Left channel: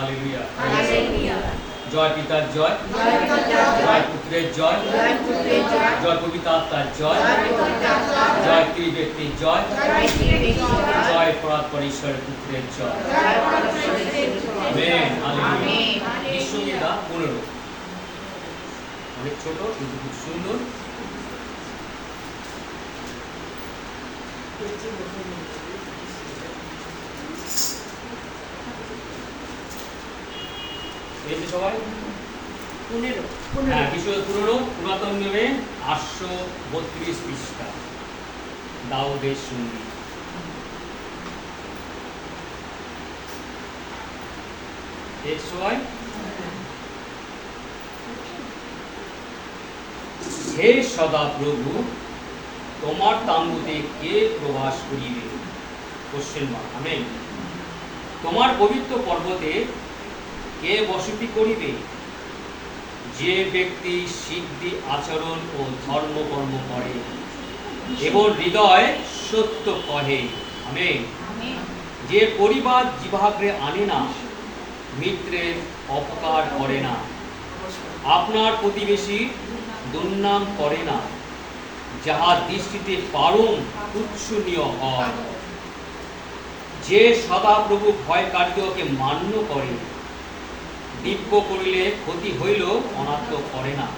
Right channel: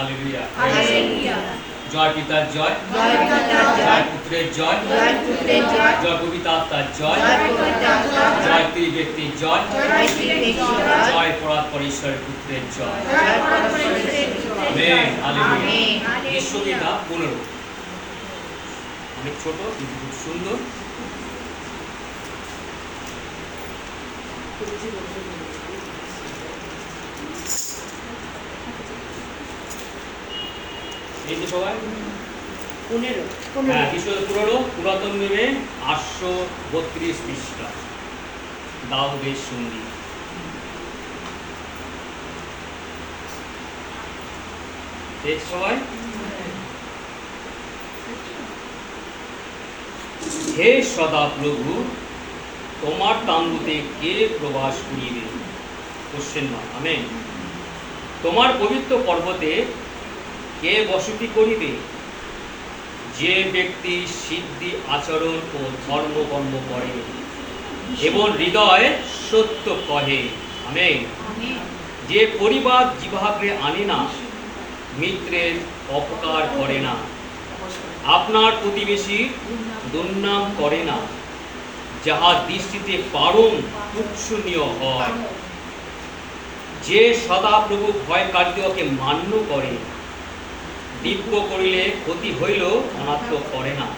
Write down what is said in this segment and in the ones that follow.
Hallelujah. Hallelujah. জয় পিতার জয়, জয় পিতার জয়, জয় পুত্রের জয়, জয় পুত্রের জয়, জয় পবিত্র আত্মার জয়, জয় পবিত্র আত্মার জয়, জয় ত্রিব্যক্তির জয়, জয় ত্রিব্যক্তির জয়, জয় পরাৎপর ঈশ্বরের পুত্রের জয়। জয় পরমেশ্বরের পুত্রের জয়। Amen, hallelujah. আমেন। বিশ্বগীতা 15 অনেক ছোট কিন্তু খুব সুন্দর। এই যে সবাই 15 হ্যাঁ, পুরনো পুরাতন নিয়মে 832 পৃষ্ঠা দাউদের সঙ্গীত। এই সবাই হে সদা প্রভু, তোমার তাম্বুতে কে প্রবাস করিবে? Question mark. আমেন। তোমার পবিত্র পর্বতে কে বসতি করিবে? যে ব্যক্তি সিদ্ধি আচরণ ও ধর্মকর্ম করে এবং হৃদয় সত্য কহে। আমেন। আমেন। যে পরিবার জিহ্বাগ্রে আনে না, মিত্রের অপকার করে না, আপনার প্রতিবেশী দুর্নাম করে না, যাহার দৃষ্টিতে পারম তুচ্ছনীয় হয়, যে সদাপ্রভু ভয়কারীদেরকে মান্য করে, দিব্য করিলে ক্ষতি হইল অনাত্ম করে না,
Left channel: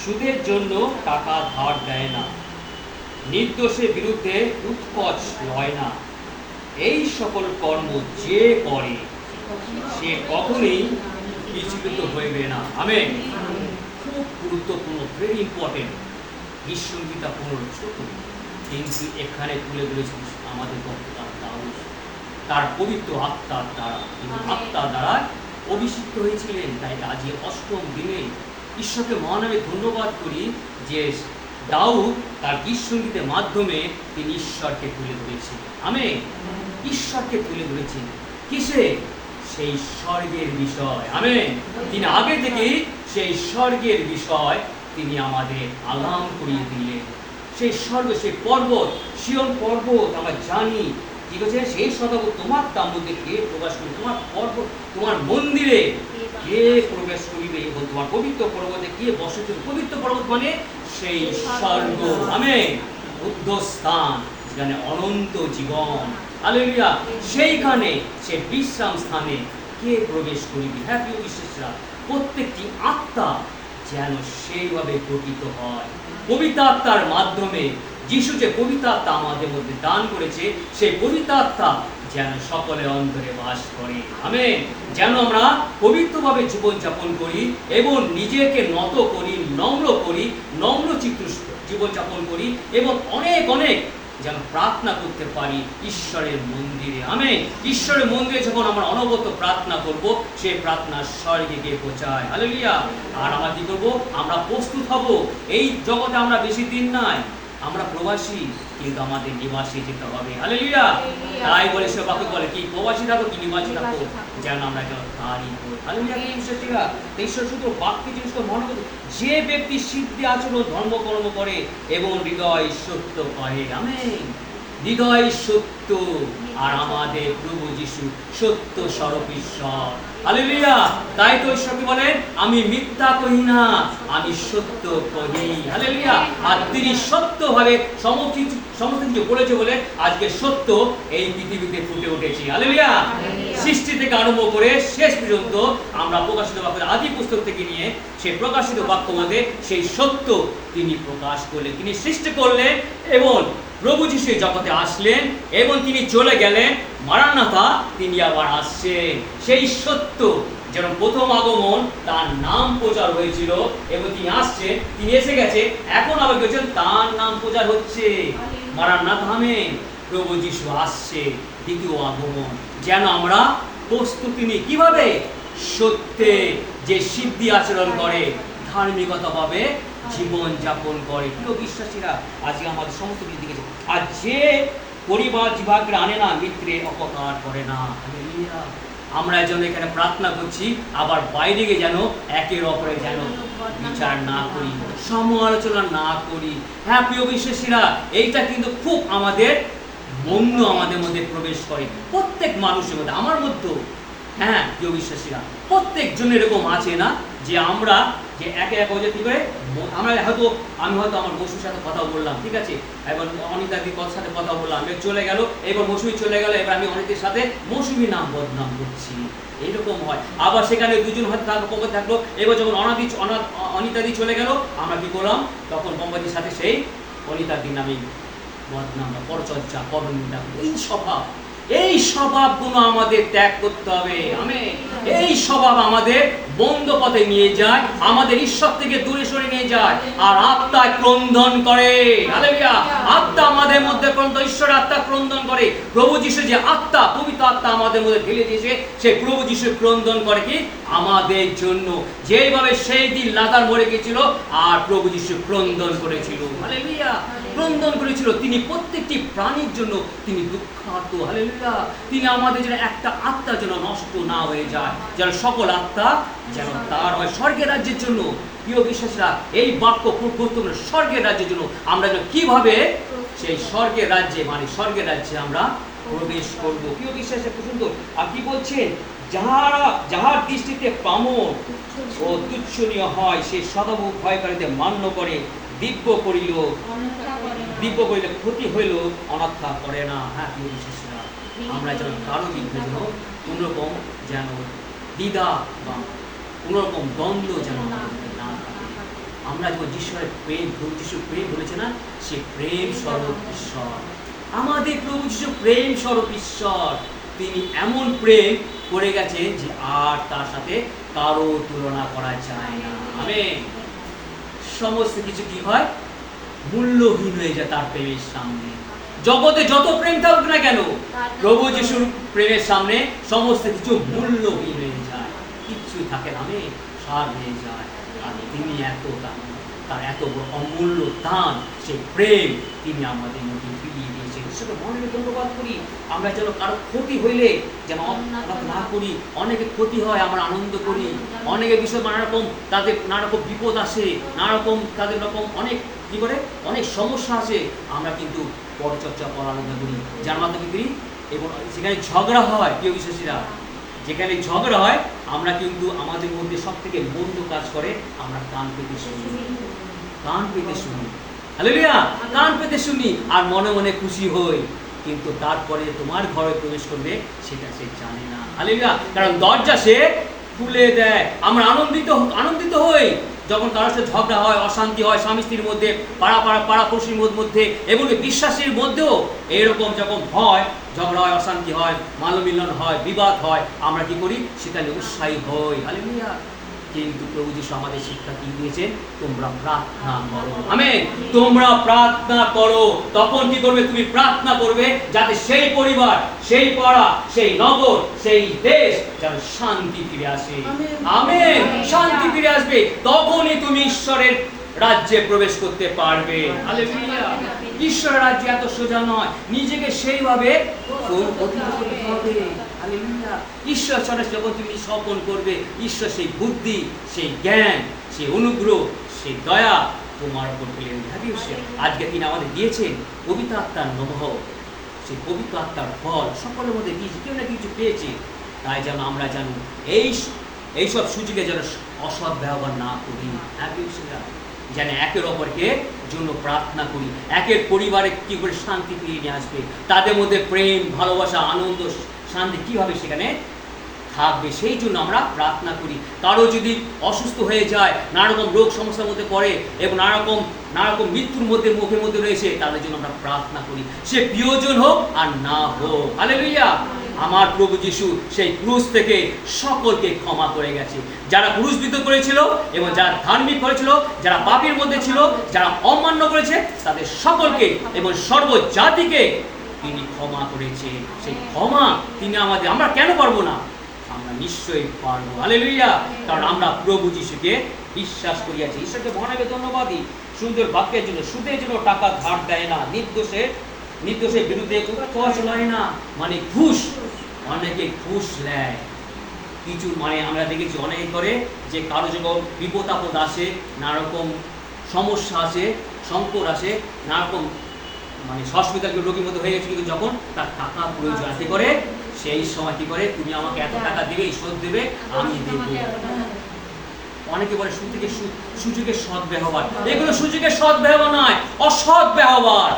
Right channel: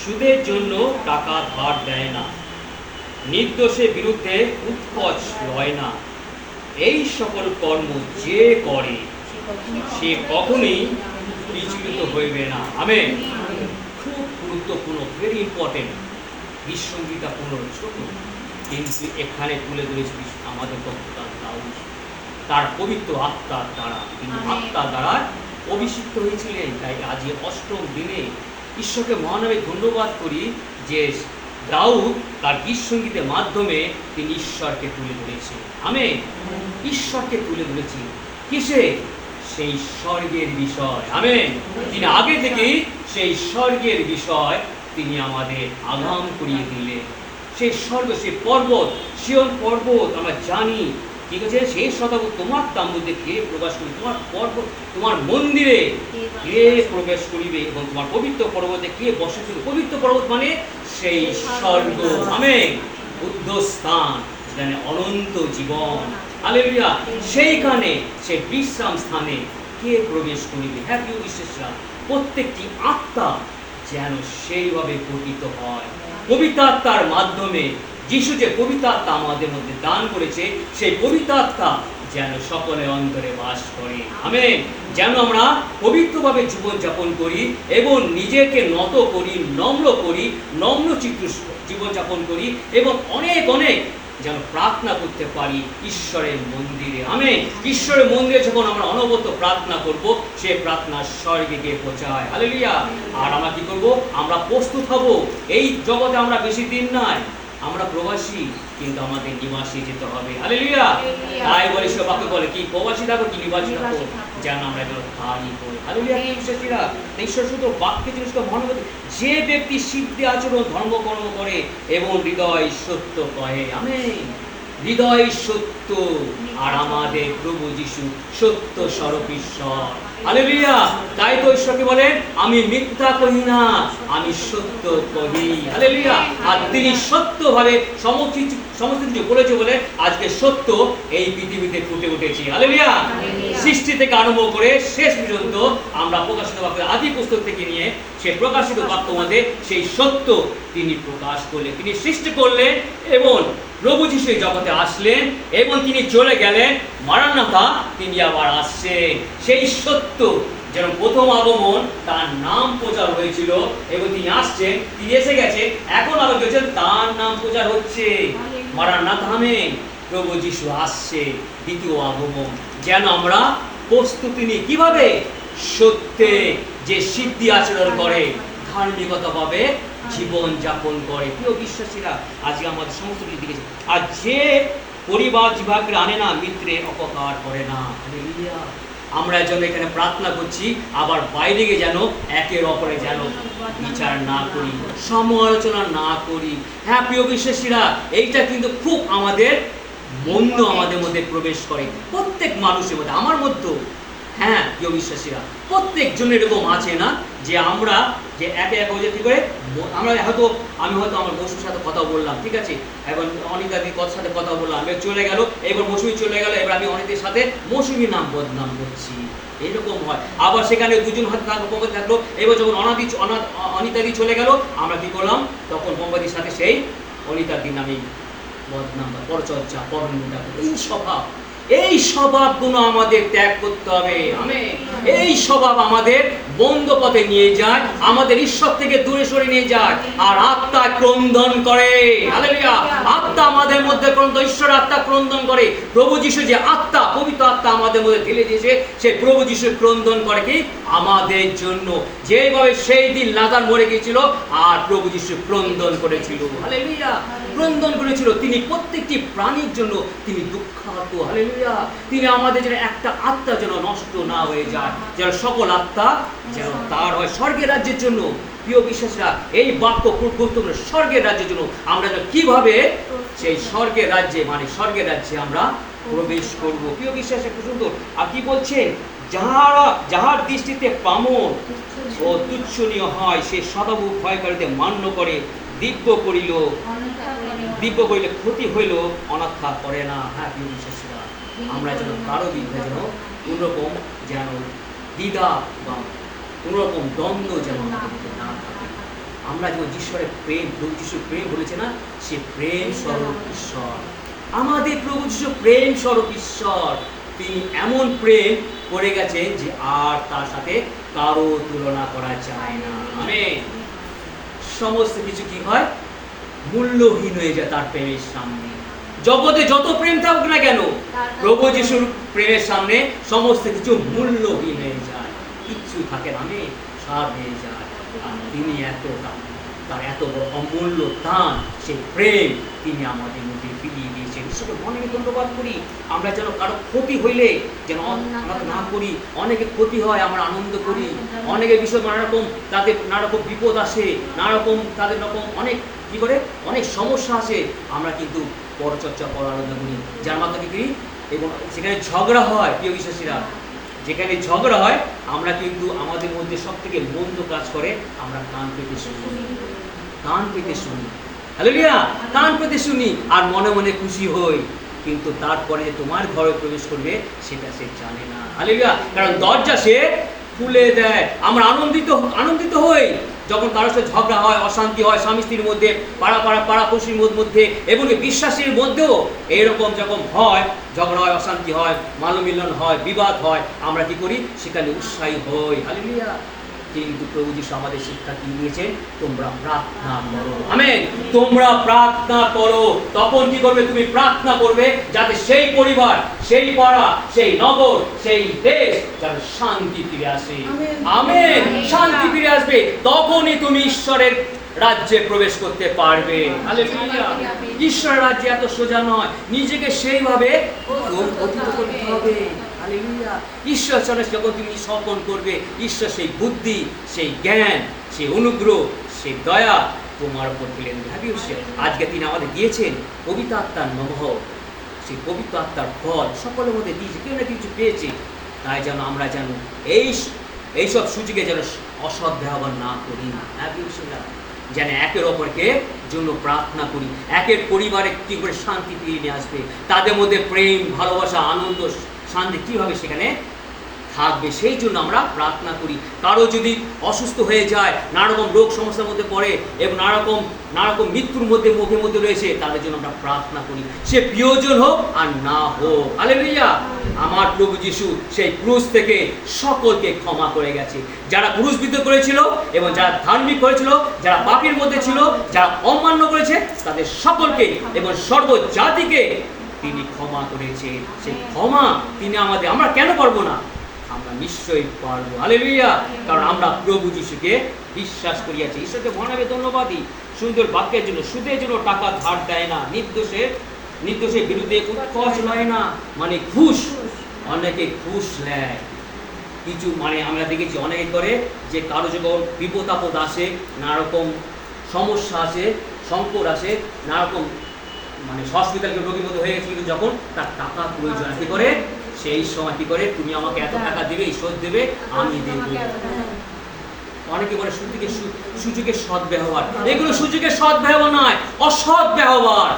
সুদের জন্য টাকা ধার দেয় না, নির্দোষের বিরুদ্ধে উৎকোচ লয় না, এই সকল কর্ম যে করে সে কখনোই বিচলিত হইবে না। আমেন। খুব গুরুত্বপূর্ণ, ভেরি ইম্পর্টেন্ট। বিশ্বগীতা 15 ছোট, কিন্তু এখানে তুলে ধরেছি আমাদের বক্তার দাউদ তার পবিত্র আত্মার দ্বারা, তিনি আত্মার দ্বারা অভিষিক্ত হয়েছিলেন। তাই আজকে অষ্টম দিনে ঈশ্বরকে মহানামে ধন্যবাদ করি যে দাউদ তার গীতসঙ্গীতের মাধ্যমে তিনি ঈশ্বরকে তুলে ধরেছেন। আমেন। ঈশ্বরকে তুলে ধরেছেন কিসে? সেই স্বর্গের বিষয়। আমেন। তিনি আগে থেকেই সেই স্বর্গের বিষয় তিনি আমাদের আগাম করিয়ে দিলেন। সেই স্বর্গ, সেই পর্বত, সিয়ন পর্বত আমরা জানি কি বলছে, সেই শতাব্দী তোমার তাম্বুতে কে প্রবেশ করিবে? তোমার পর্বত, তোমার মন্দিরে কে প্রবেশ করিবে এবং তোমার পবিত্র পর্বতে কে বসে থাকবে? পবিত্র পর্বত মানে সেই স্বর্গ। আমেন। বুদ্ধস্থান, যেখানে অনন্ত জীবন। হালেলুয়া। সেইখানে সেই বিশ্রাম স্থানে কে প্রবেশ করিবে? হ্যাঁ প্রিয় বিশ্বাসীরা, প্রত্যেকটি আত্মা যেন সেইভাবে পতিত হয়। পবিত্র আত্মার মাধ্যমে যিশু যে পবিত্র আত্মা আমাদের মধ্যে দান করেছে, সেই পবিত্র আত্মা যেন সকলের অন্তরে বাস করে। আমেন। যেন আমরা পবিত্রভাবে জীবনযাপন করি এবং নিজেকে নত করি, নম্র চিত্ত জীবনযাপন করি এবং অনেক অনেক যেন প্রার্থনা করতে পারি ঈশ্বরের মন্দিরে। আমেন। ঈশ্বরের মন্দিরে যখন আমরা অনবরত প্রার্থনা করব, সে প্রার্থনা স্বর্গে গিয়ে পৌঁছায়। হালেলুয়া। আর আমরা কি করব? আমরা প্রস্তুত হব। এই জগতে আমরা বেশি দিন নাই, আমরা প্রবাসী, কিন্তু আমাদের নিবাসে যেতে হবে। হালেলুয়া। তাই বলে সে বাক্য বলে কি, প্রবাসী থাকো কি নিবাসী থাকো, যেন আমরা যেন তাই করি। হালেলুয়া। বিশ্বাসীরা, ঈশ্বর শুধু বাক্যে জিনিসটা মনে করতে, যে ব্যক্তি সিদ্ধি আচরণ ধর্মকর্ম করে এবং হৃদয় সত্য কহে। আমেন। হৃদয় সত্য, আর আমাদের প্রভু যিশু সত্য স্বরূপ ঈশ্বর। হালেলুয়া। তাই তো ঈশ্বরকে বলেন, আমি মিথ্যা কহি না, আমি সত্য কহি। হালেলুয়া। আর তিনি সত্যভাবে সমস্ত কিছু বলেছে বলে আজকে সত্য এই পৃথিবীতে ফুটে উঠেছে। হালেলুয়া। সৃষ্টি থেকে আরম্ভ করে শেষ পর্যন্ত আমরা প্রকাশিত বাক্য, আদি পুস্তক থেকে নিয়ে সেই প্রকাশিত বাক্য মধ্যে সেই সত্য তিনি প্রকাশ করলেন। তিনি সৃষ্টি করলেন এবং প্রভু যিশু জগতে আসলেন এবং তিনি চলে গেলেন। মারানাথা, তিনি আবার আসছেন। সেই সত্য যেন প্রথম আগমন, তার নাম প্রচার হয়েছিল এবং তিনি আসছেন, তিনি এসে গেছে, এখন আবার গেছেন, তার নাম প্রচার হচ্ছে। মারানাথা। আমেন। প্রভু যিশু আসছে, দ্বিতীয় আগমন। যেন আমরা প্রস্তুতি নিই। কিভাবে? সত্যে যে সিদ্ধি আচরণ করে, ধার্মিকতা ভাবে জীবন যাপন করে। প্রিয় বিশ্বাসীরা, আজকে আমাদের সমস্ত কিছু দিকেছে। আর যে পরিবার জিহ্বাগ্রে আনে না, মিত্রের অপকার করে না। হালেলুয়া। আমরা যেন এখানে প্রার্থনা করছি, আবার বাইরে গিয়ে যেন একের অপরে যেন বিচার না করি, সমালোচনা না করি। হ্যাঁ প্রিয় বিশ্বাসীরা, এইটা কিন্তু খুব আমাদের মন্দ আমাদের মধ্যে প্রবেশ করে, প্রত্যেক মানুষের মধ্যে, আমার মধ্যে। হ্যাঁ প্রিয় বিশ্বাসীরা, প্রত্যেকজন এরকম আছে না যে আমরা যে একে একে কি করে আমরা হয়তো আমি হয়তো আমার মৌসুমীর সাথে কথা বললাম, ঠিক আছে, এবং অনিতাদির সাথে কথা বললাম, এবার চলে গেল, এবার মৌসুমী চলে গেল, এবার আমি অনিতের সাথে মৌসুমীর নাম বদনাম করছি, এরকম হয়। আবার সেখানে দুজন হয়তো থাকলো, এবার যখন অনিতাদি চলে গেল, আমরা কি করলাম, তখন মোমবাতির সাথে সেই অনিতাদির নামে বদনাম বা পরচর্চা পরনিন্দা, এই স্বভাবগুলো আমাদের ত্যাগ করতে হবে। আমেন। এই স্বভাব আমাদের বন্ধ পথে নিয়ে যায়, আমাদের ঈশ্বর থেকে দূরে সরে নিয়ে যায়, আর আত্মায় ক্রন্দন করে। হালেলুয়া। আত্মা আমাদের মধ্যে ঈশ্বর আত্মা ক্রন্দন করে। প্রভু যিশু যে আত্মা, পবিত্র আত্মা আমাদের মধ্যে ঢেলে দিয়েছে, সেই প্রভু যিশু ক্রন্দন করে কি আমাদের জন্য, যেভাবে সেই দিন লাজার মরে গিয়েছিল আর প্রভু যিশু ক্রন্দন করেছিল। হালেলুয়া। ক্রন্দন করেছিল, তিনি প্রত্যেকটি প্রাণীর জন্য তিনি দুঃখার্ত। হালেলুয়া। তিনি আমাদের যেন একটা আত্মা যেন নষ্ট না হয়ে যায়, যেন সকল আত্মা যেন তার হয় স্বর্গের রাজ্যের জন্য। প্রিয় বিশ্বাসীরা, এই বাক্য খুব গুরুত্বপূর্ণ। স্বর্গের রাজ্যের জন্য আমরা যেন কিভাবে সেই স্বর্গের রাজ্যে স্বর্গের রাজ্যে আমরা প্রবেশ করব। প্রিয় বিশ্বাসী, খুব সুন্দর। আর কি বলছে, যাহার দৃষ্টিতে পামর ও তুচ্ছনীয় হয়, সে সদাবু ভয় করিতে মান্য করে, দিব্য করিলে ক্ষতি হইল, অনাথা করে না। হ্যাঁ প্রিয় বিশ্বাসীরা, আমরা যেন কারো বিরুদ্ধে যেন কোনোরকম যেন দ্বিধা বা কোনোরকম দ্বন্দ্ব যেন আমাদের না থাকে। আমরা যেমন ঈশ্বরের প্রেম, প্রভু যিশু প্রেম বলেছে না, সে প্রেম স্বরূপ ঈশ্বর। আমাদের প্রভু যিশু প্রেম স্বরূপ ঈশ্বর। তিনি এমন প্রেম করে গেছেন যে আর তার সাথে কারো তুলনা করা যায় না। আমেন। সমস্ত কিছু কি হয়, মূল্যহীন হয়ে যায় তার প্রেমের সামনে। জগতে যত প্রেম থাকুক না কেন, প্রভু যিশুর প্রেমের সামনে সমস্ত কিছু মূল্যহীন হয়ে যায়, কিচ্ছু থাকে না, সার হয়ে যায়। আর তিনি তার এত বড় অমূল্য দান, সেই প্রেম তিনি আমাদের মধ্যে ফিরিয়ে দিয়েছেন। ঈশ্বরকে অনেক ধন্যবাদ করি। আমরা যেন কারো ক্ষতি হইলে যেন না করি। অনেকে ক্ষতি হয়, আমরা আনন্দ করি। অনেকের বিষয় নানা রকম, তাদের নানা রকম বিপদ আসে, নানা রকম তাদের রকম অনেক কি করে অনেক সমস্যা আছে, আমরা কিন্তু পরচর্চা করার আলোচনা করি, যার মাধ্যমে করি। এবং সেখানে ঝগড়া হয়, প্রিয় বিশ্বাসীরা, যেখানে ঝগড়া হয় আমরা কিন্তু আমাদের মধ্যে সব থেকে মন্দ কাজ করে আমরা কান পেতে শুনি। হালেলুয়া। কান পেতে শুনি আর মনে মনে খুশি হই, কিন্তু তারপরে তোমার ঘরে প্রবেশ করবে সেটা সে জানে না। হালেলুয়া। কারণ দরজা সে খুলে দেয়। আমরা আনন্দিত হই যখন কারোর সাথে ঝগড়া হয়, অশান্তি হয়, স্বামী স্ত্রীর মধ্যে, পাড়াপড়শির মধ্যে, এবং বিশ্বাসীর মধ্যেও এরকম যখন হয়, ঝগড়া হয়, অশান্তি হয়, মালমিলন হয়, বিবাদ হয়, আমরা কি করি, সেখানে উৎসাহী হই। হালেলুয়া। কিন্তু প্রভু যিশু আমাদের শিক্ষা কি দিয়েছে, তোমরা প্রার্থনা করো। আমেন। তোমরা প্রার্থনা করো। তখন কি করবে, তুমি প্রার্থনা করবে যাতে সেই পরিবার, সেই পাড়া, সেই নগর, সেই দেশ যেন শান্তি ফিরে আসে। আমেন। শান্তি ফিরে আসবে, তখনই তুমি ঈশ্বরের রাজ্যে প্রবেশ করতে পারবে। হালেলুয়া। ঈশ্বরের রাজ্যে এত সোজা নয়, নিজেকে সেইভাবে করতে হবে। ঈশ্বর চলে যখন তুমি স্বপন করবে, ঈশ্বর সেই বুদ্ধি, সেই জ্ঞান, সেই অনুগ্রহ, সেই দয়া তোমার উপর পেলেন। আজকে তিনি আমাদের দিয়েছেন পবিত্র আত্মার নমঃ, সেই পবিত্র আত্মার ফল সকলের মধ্যে দিয়েছে, কেউ না কিছু পেয়েছে। তাই যেন আমরা যেন এইসব সুযোগে যেন অসৎ ব্যবহার না করি। যেন একের অপরকে জন্য প্রার্থনা করি, একের পরিবারে কি করে শান্তি ফিরিয়ে নিয়ে আসবে, তাদের মধ্যে প্রেম, ভালোবাসা, আনন্দ, শান্তি কীভাবে সেখানে থাকবে, সেই জন্য আমরা প্রার্থনা করি। কারো যদি অসুস্থ হয়ে যায়, নানা রকম রোগ সমস্যার মধ্যে পড়ে এবং নানা রকম মৃত্যুর মুখের মধ্যে রয়েছে, তাদের জন্য আমরা প্রার্থনা করি, সে প্রিয়জন হোক আর না হোক। হালেলুয়া। আমার প্রভু যিশু সেই ক্রুশ থেকে সকলকে ক্ষমা করে গেছে। যারা ক্রুশবিদ্ধ করেছিল এবং যারা ধার্মিক করেছিল, যারা পাপীর মধ্যে ছিল, যারা অমান্য করেছে, তাদের সকলকে এবং সর্বজাতিকে তিনি ক্ষমা করেছে। সেই ক্ষমা তিনি আমরা কেন পারবো না? আমরা নিশ্চয়ই পারবো। হালেলুয়া। কারণ আমরা প্রভু যিশুকে বিশ্বাস করিয়াছি। ঈশ্বরকে মনে ধন্যবাদই সুন্দর বাক্যের জন্য। সুদের জন্য টাকা ধার দেয় না, নির্দোষের বিরুদ্ধে উৎকর্ষ নয় না, ঘুষ, অনেকে ঘুষ নেয়। কিছু আমরা দেখেছি অনেকে করে যে কারো যখন বিপদ আপদ আসে, নানা রকম সমস্যা আসে, সংকট আসে, নানা রকম হসপিটাল রোগীর মধ্যে হয়ে গেছে, কিন্তু যখন তার টাকা প্রয়োজন কি করে সেই সময় কি করে, তুমি আমাকে এত টাকা দেবে, শোধ দেবে, আমি দেবো। অনেকে বলে সুযোগের সৎ ব্যবহার, এগুলো সুযোগের সৎ ব্যবহার নয়, অসৎ ব্যবহার।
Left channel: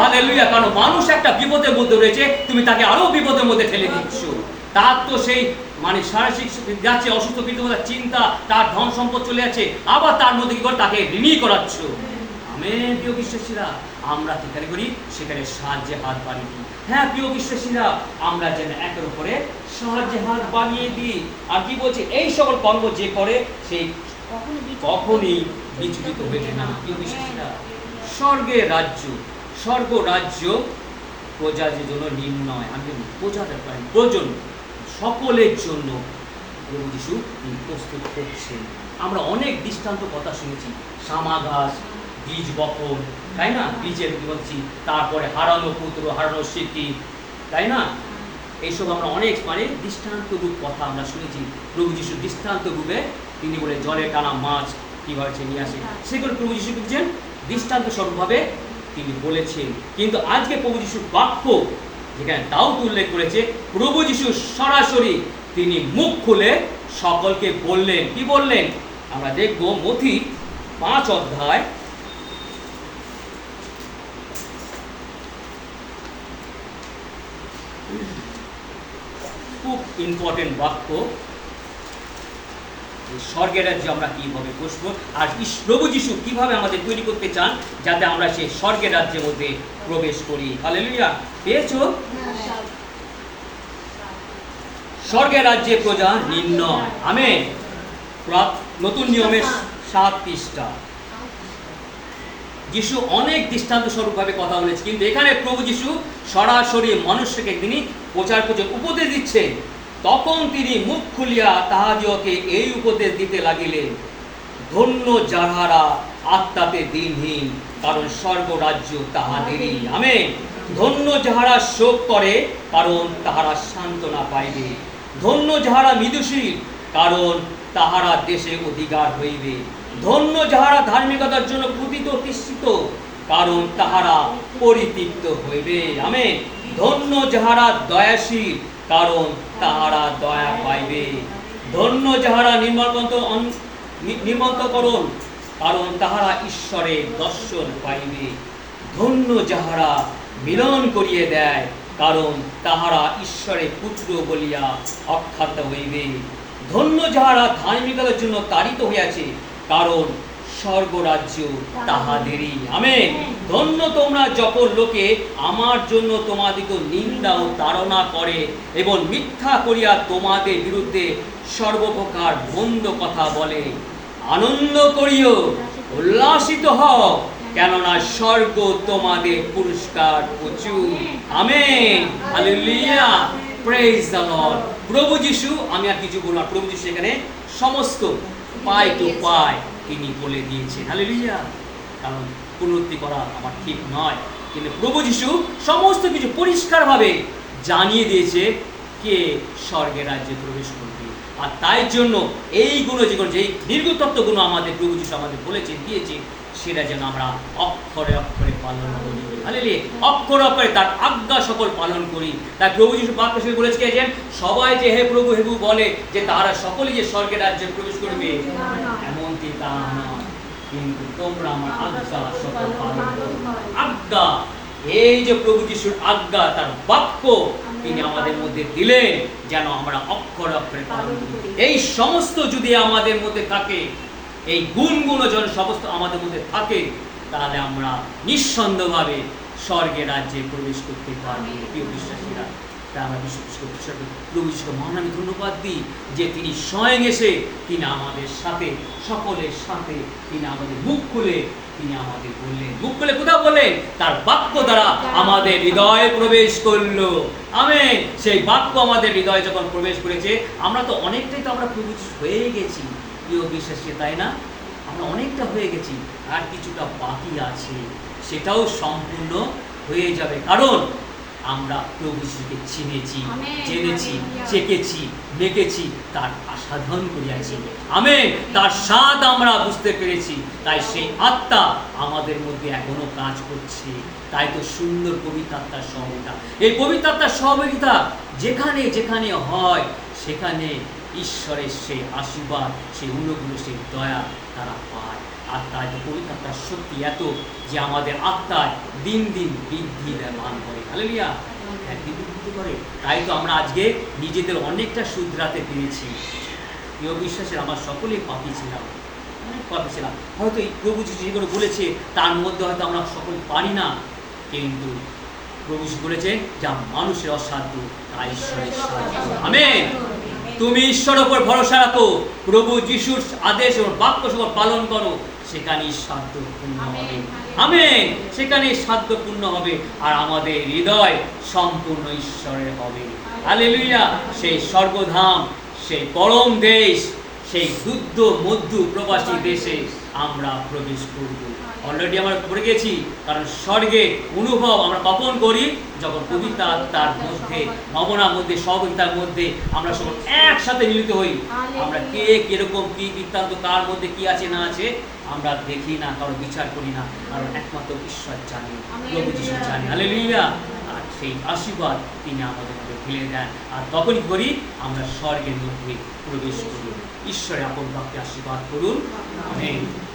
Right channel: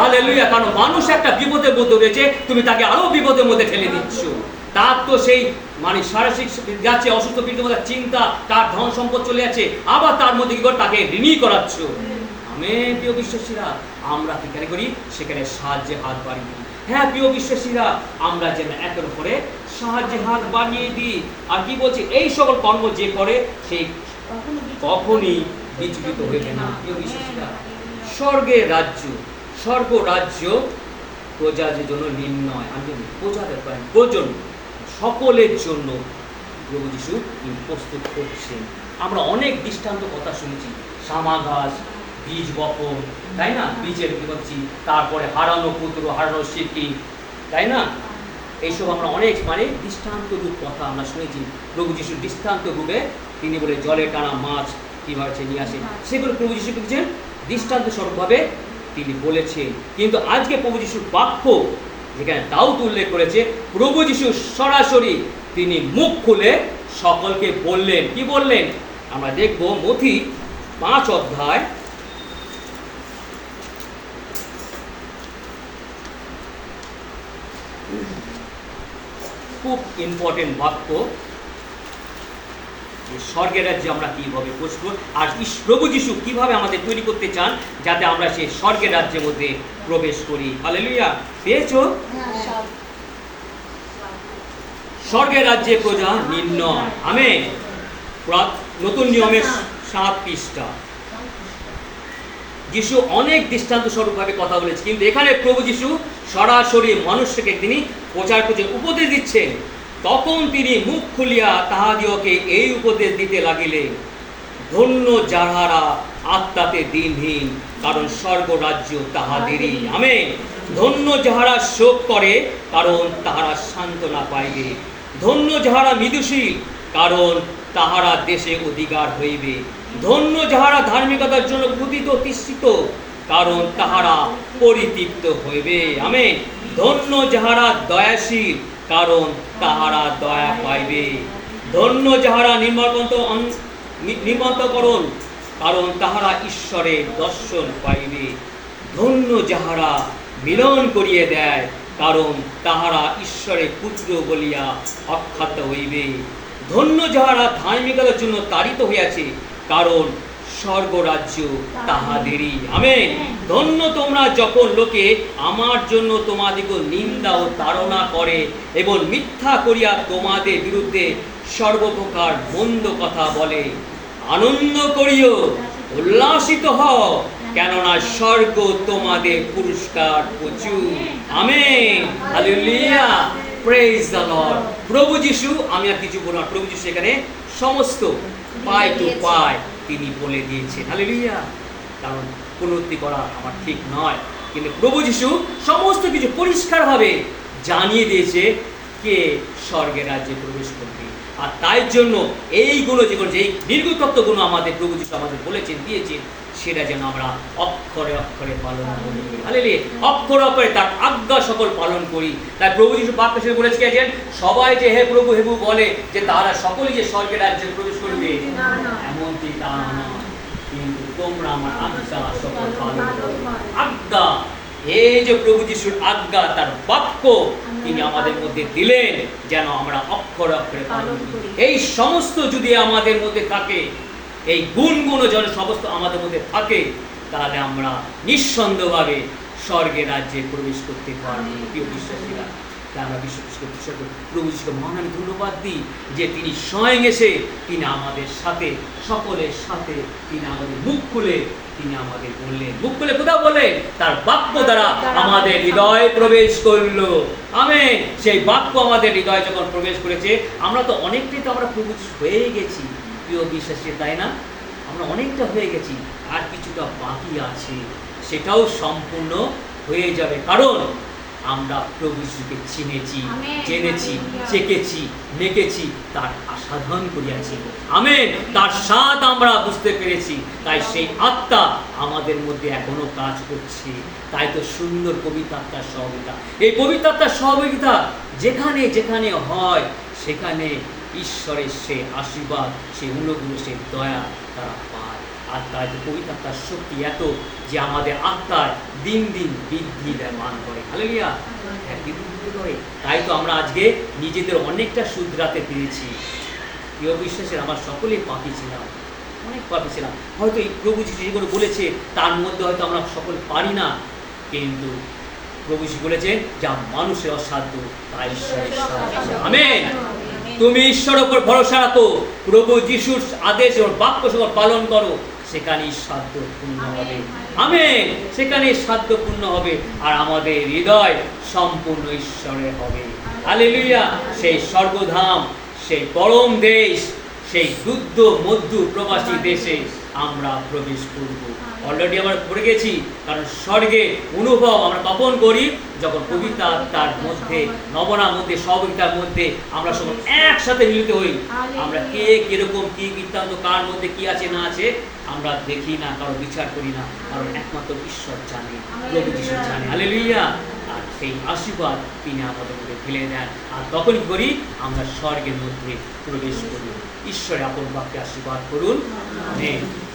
হালেলুয়া। কারণ মানুষ একটা বিপদের মধ্যে রয়েছে, তুমি তাকে আরো বিপদের মধ্যে ঠেলে দিচ্ছ। তার তো সেই মানে শারীরিক যাচ্ছে, অসুস্থ বিদ্যমান চিন্তা, তার ধন সম্পদ চলে যাচ্ছে, আবার তার মধ্যে কি করে তাকে ঋণী করাচ্ছ। আমেন। প্রিয় বিশ্বাসীরা, আমরা যেখানে করি সেখানে সাহায্যে হাত বাড়িয়ে দিই। হ্যাঁ প্রিয় বিশ্বাসীরা, আমরা যেন একের উপরে সাহায্যে হাত বাড়িয়ে দিই। আর কি বলছে, এই সকল কর্ম যে করে সেই কখনই বিচলিত হইবে না। প্রিয় বিশ্বাসীরা, স্বর্গের রাজ্য, স্বর্গ রাজ্য প্রজাদের জন্য নির্ণয়, আমি প্রজাদের করেন প্রয়োজন সকলের জন্য প্রভু যিশু তিনি প্রস্তুত করছেন। আমরা অনেক দৃষ্টান্ত কথা শুনেছি, সামাঘাস, বীজ বপন, তাই না, বীজের বলছি, তারপরে হারানো পুত্র, হারানো স্মৃতি, তাই না, এইসব আমরা অনেক মানে দৃষ্টান্ত রূপ কথা আমরা শুনেছি। প্রভু যিশু দৃষ্টান্ত রূপে তিনি বলে জলে টানা মাছ কিভাবে সে নিয়ে আসে, সেগুলো প্রভু যিশু বলছেন দৃষ্টান্ত স্বরূপভাবে তিনি বলেছেন। কিন্তু আজকে প্রভু যিশুর বাক্য যেখানে দাউদ উল্লেখ করেছে, প্রভু যিশু সরাসরি তিনি মুখ খুলে সকলকে বললেন। কি বললেন আমরা দেখব, মথি 5 অধ্যায় খুব ইম্পর্টেন্ট বাক্য, স্বর্গের রাজ্যে আমরা কিভাবে বসবো, আর প্রভু যিশু কিভাবে আমাদের তৈরি করতে চান যাতে আমরা সেই স্বর্গের রাজ্যের মধ্যে প্রবেশ করি। হালেলুয়া। পেয়েছো? স্বর্গের রাজ্যে প্রজা নির্ণয়। আমেন। নতুন নিয়মের 7 পৃষ্ঠা। যিশু অনেক দৃষ্টান্ত স্বরূপভাবে কথা বলেছে, কিন্তু এখানে প্রভু যিশু সরাসরি মানুষকে তিনি প্রচার করতে উপদেশ দিচ্ছেন। তখন তিনি মুখ খুলিয়া তাহাদিওকে এই উপদেশ দিতে লাগিলেন, ধন্য যাহারা আত্মাতে দিনহীন, কারণ স্বর্গ রাজ্য তাহাদেরই। আমেন। ধন্য যাহারা শোক করে, কারণ তাহারা সান্ত্বনা পাইবে। ধন্য যাহারা মৃদুশীল, কারণ তাহারা দেশে অধিকার হইবে। ধন্য যাহারা ধার্মিকতার জন্য ক্রুধিত তৃষিত, কারণ তাহারা পরিতৃপ্ত হইবে। আমেন। ধন্য যাহারা দয়াশীল, কারণ তাহারা দয়া পাইবে। ধন্য যাহারা নির্মন্তকরণ, কারণ তাহারা ঈশ্বরের দর্শন পাইবে। ধন্য যাহারা মিলন করিয়ে দেয়, কারণ তাহারা ঈশ্বরের পুত্র বলিয়া আখ্যাত হইবে। ধন্য যাহারা ধার্মিকতার জন্য তাড়িত হইয়াছে, কারণ স্বর্গরাজ্য তাহাদেরই। আমেন। ধন্য তোমরা যখন লোকে আমার জন্য তোমাদিকে নিন্দা ও তাড়না করে এবং মিথ্যা করিয়া তোমাদের বিরুদ্ধে সর্বপ্রকার মন্দ কথা বলে। আনন্দ করিও, উল্লাসিত হও, কেননা স্বর্গ তোমাদের পুরস্কার প্রচুর। Amen. Hallelujah. Praise the lord. প্রভু যিশু, আমি আর কিছু বলবো না, প্রভু যিশু এখানে সমস্ত পাই টু পাই তিনি বলে দিয়েছেন। হালেলুয়া। কারণ পুনরুক্তি করা আমার ঠিক নয়, কিন্তু প্রভু যিশু সমস্ত কিছু পরিষ্কারভাবে জানিয়ে দিয়েছে কে স্বর্গের রাজ্যে প্রবেশ করবে। আর তাই জন্য এইগুলো যেগুলো, যেই দীর্ঘতত্ত্বগুলো আমাদের প্রভু যিশু আমাদের বলেছেন, দিয়েছে, সেটা যেন আমরা অক্ষরে অক্ষরে পালন করি। হালেলুয়া। অক্ষরে অক্ষরে তার আজ্ঞা সকল পালন করি। তাই প্রভু যিশু বাক্য হিসেবে বলেছে যে সবাই যে হে প্রভু হে প্রভু বলে যে তারা সকলেই যে স্বর্গের রাজ্যে প্রবেশ করবে, এমনকি তা নয়, কিন্তু তোমরা আমার আজ্ঞা সকল পালন করো। আজ্ঞা, এই যে প্রভু যিশুর আজ্ঞা, তার বাক্য তিনি আমাদের মধ্যে দিলেন যেন আমরা অক্ষরে অক্ষরে পালন করি। এই সমস্ত যদি আমাদের মধ্যে থাকে, এই গুণগুলো যেন সমস্ত আমাদের মধ্যে থাকে, তাহলে আমরা নিঃসন্দেহভাবে স্বর্গের রাজ্যে প্রবেশ করতে পারবো। প্রিয় বিশ্বাসীরা, তাই আমরা প্রভু যিশুকে মহান আমি ধন্যবাদ দিই যে তিনি স্বয়ং এসে তিনি আমাদের সাথে, সকলের সাথে তিনি আমাদের মুখ খুলে তিনি আমাদের বললেন। মুখ খুলে কোথাও বললেন? তার বাক্য দ্বারা আমাদের হৃদয়ে প্রবেশ করলো। আমেন। সেই বাক্য আমাদের হৃদয়ে যখন প্রবেশ করেছে, আমরা তো অনেকটাই তো আমরা প্রভু হয়ে গেছি। প্রিয় বিশ্বাসী, তাই না? আমরা অনেকটা হয়ে গেছি, আর কিছুটা বাকি আছে, সেটাও সম্পূর্ণ হয়ে যাবে। কারণ আমরা প্রভু যিশুকে চিনেছি, জেনেছি, চেকেছি, দেখেছি, তার আস্বাদন করিয়াছি। আমেন। তার স্বাদ আমরা বুঝতে পেরেছি। তাই সেই আত্মা আমাদের মধ্যে এখনো কাজ করছে। তাই তো সুন্দর পবিত্র আত্মার সহযোগিতা। এই পবিত্র আত্মার সহযোগিতা যেখানে যেখানে হয় সেখানে ঈশ্বরের সেই আশীর্বাদ, সেই অনুগ্রহ, সেই দয়া তারা পায়। আর তাই যে পবিত্র আত্মার শক্তি এত যে আমাদের আত্মায় দিন দিন বৃদ্ধি মান করে। হালেলুয়া, একদিন বৃদ্ধি করে। তাই তো আমরা আজকে নিজেদের অনেকটা শুধরাতে পেরেছি। প্রিয় বিশ্বাসের, আমরা সকলেই পাপী ছিলাম, অনেক পাপী ছিলাম। হয়তো এই প্রভু যিশু যেগুলো বলেছে তার মধ্যে হয়তো আমরা সকল পারি না, কিন্তু প্রভু যিশু বলেছেন যা মানুষের অসাধ্য তা ঈশ্বরের সাধ্য। আমেন। তুমি ঈশ্বরের উপর ভরসা রাখো, প্রভু যিশুর আদেশ ও বাক্য সকল পালন করো, সেখানেই সাধ্য পূর্ণ হবে। আমেন। সেখানেই সাধ্য পূর্ণ হবে, আর আমাদের হৃদয় সম্পূর্ণ ঈশ্বরের হবে। হালেলুয়া। সেই স্বর্গধাম, সেই পরম দেশ, সেই শুদ্ধ মধ্য প্রবাসী দেশে আমরা প্রবেশ করব। অলরেডি আমরা পড়ে গেছি, কারণ স্বর্গে অনুভব আমরা কখন করি? যখন পবিত্র আত্মার মধ্যে, নবনার মধ্যে, সহযোগিতার মধ্যে আমরা সব একসাথে মিলিত হই। আমরা কে কিরকম, কি বৃত্তান্ত, কার মধ্যে কি আছে না আছে আমরা দেখি না, কারো বিচার করি না, কারণ একমাত্র ঈশ্বর জানে, প্রভু যিশু জানে। হালেলুয়া। আর সেই আশীর্বাদ তিনি আমাদের মধ্যে ফেলে দেন, আর তখন করি আমরা স্বর্গের মধ্যে প্রবেশ করি। ঈশ্বরে আপন বাক্যে আশীর্বাদ করুন। আমেন।